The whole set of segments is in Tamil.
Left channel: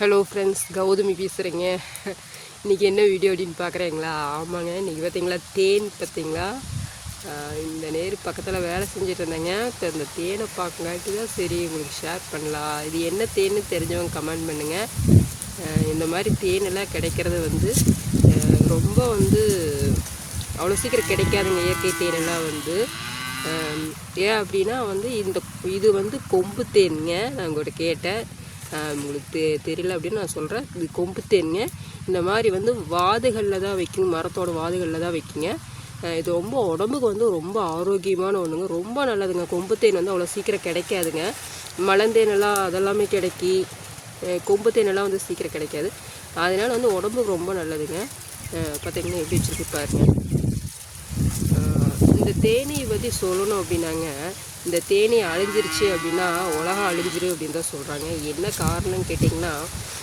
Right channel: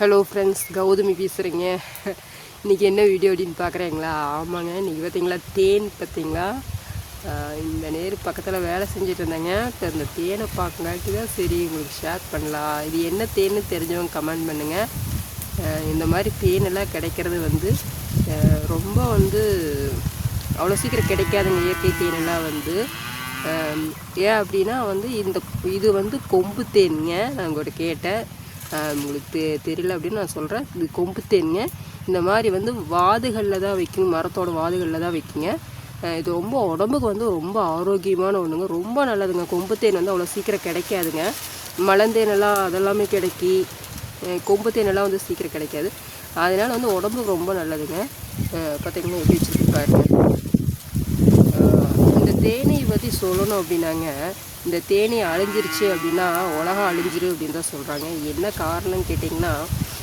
ஹலோ ஃப்ரெண்ட்ஸ் கௌதமி பேசுகிறீங்க இன்றைக்கி என்ன வீடியோ அப்படின்னு பார்க்குறீங்களா? ஆமாங்க இன்றைக்கி பார்த்தீங்களா தேன் பார்த்தீங்களா? இந்த நேர் பக்கத்தில் வேலை செஞ்சுட்டு இருந்தேங்க. இப்போ இந்த தேனை பார்க்கலாட்டி தான் சரி உங்களுக்கு ஷேர் பண்ணலாம். இது என்ன தேன்னு தெரிஞ்சவங்க கமெண்ட் பண்ணுங்கள் இந்த மாதிரி தேனெல்லாம் கிடைக்கிறது வந்து ரொம்ப வந்து அவ்வளோ சீக்கிரம் கிடைக்காதுங்க இயற்கை தேனெல்லாம் வந்து. ஏன் அப்படின்னா வந்து இந்த இது வந்து கொம்பு தேனுங்க. நான் உங்கள்கிட்ட கேட்டேன். உங்களுக்கு தெ தெரியல அப்படின்னு நான் சொல்கிறேன் இது கொம்பு தேனுங்க இந்த மாதிரி வந்து வாதுகளில் தான் வைக்கணும். மரத்தோட வாதுகளில் தான் வைக்கிங்க. இது ரொம்ப உடம்புக்கு வந்து ரொம்ப ஆரோக்கியமான ஒன்றுங்க ரொம்ப நல்லதுங்க. கொம்பு தேன் வந்து அவ்வளோ சீக்கிரம் கிடைக்காதுங்க. மலந்தேனெல்லாம் அதெல்லாமே கிடைக்கி கொம்பு தேனெல்லாம் வந்து சீக்கிரம் கிடைக்காது. அதனால் வந்து உடம்புக்கு ரொம்ப நல்லதுங்க. பார்த்திங்கன்னா எப்படி வச்சுருக்கு பாருங்க. இந்த தேனை பற்றி சொல்லணும் அப்படின்னாங்க. இந்த தேனி அழிஞ்சிருச்சு அப்படின்னா உலகம் அழிஞ்சிரு அப்படின்னு தான் சொல்கிறாங்க என்ன காரணம்னு கேட்டிங்கன்னா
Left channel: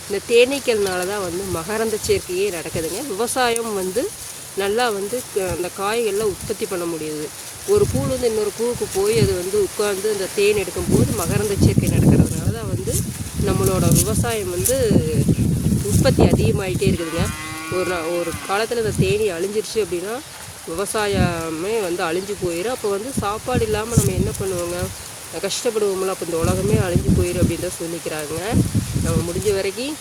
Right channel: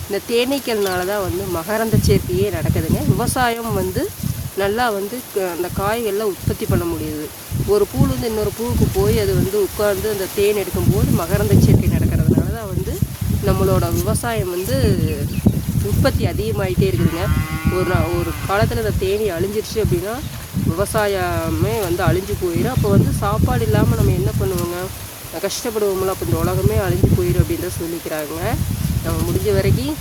இந்த தேனீக்கள்னால தான் வந்து மகரந்த சேர்க்கையே நடக்குதுங்க. விவசாயம் வந்து நல்லா வந்து க- அந்த காய்கள்லாம் உற்பத்தி பண்ண முடியுது. ஒரு பூலேருந்து இன்னொரு பூவுக்கு போய் அது வந்து உட்கார்ந்து அந்த தேன் எடுக்கும்போது மகரந்த சேர்க்கை நடக்கிறதுனால தான் வந்து நம்மளோட விவசாயம் வந்து உற்பத்தி அதிகமாகிட்டே இருக்குதுங்க. ஒரு நா- ஒரு காலத்தில் இந்த தேனி அழிஞ்சிருச்சு அப்படின்னா விவசாயமே வந்து அழிஞ்சு போயிடும் அப்போ வந்து சாப்பாடு இல்லாமல் நம்ம என்ன பண்ணுவோங்க? கஷ்டப்படுவோம்ல. அப்போ இந்த உலகமே அழிஞ்சு போயிடும் அப்படின்னு தான் சொல்லிக்கிறாங்க. நம்ம முடிஞ்ச வரைக்கும்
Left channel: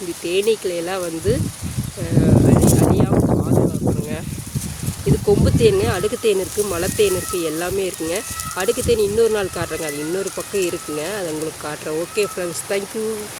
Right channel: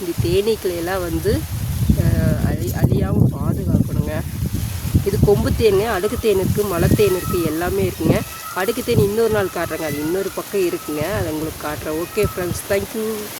இந்த தேனீக்களையெல்லாம் வந்து அழியாமல் பாதுகாக்கணுங்க. இது கொம்பு தேன் அடுக்கு தேன் இருக்குது மலை தேன் இருக்குது எல்லாமே இருக்குங்க. அடுக்கு தேன் இன்னொரு நாள் காட்டுறேங்க. அது இன்னொரு பக்கம் இருக்குங்க. அதை உங்களுக்கு காட்டுறேன். Okay friends thank you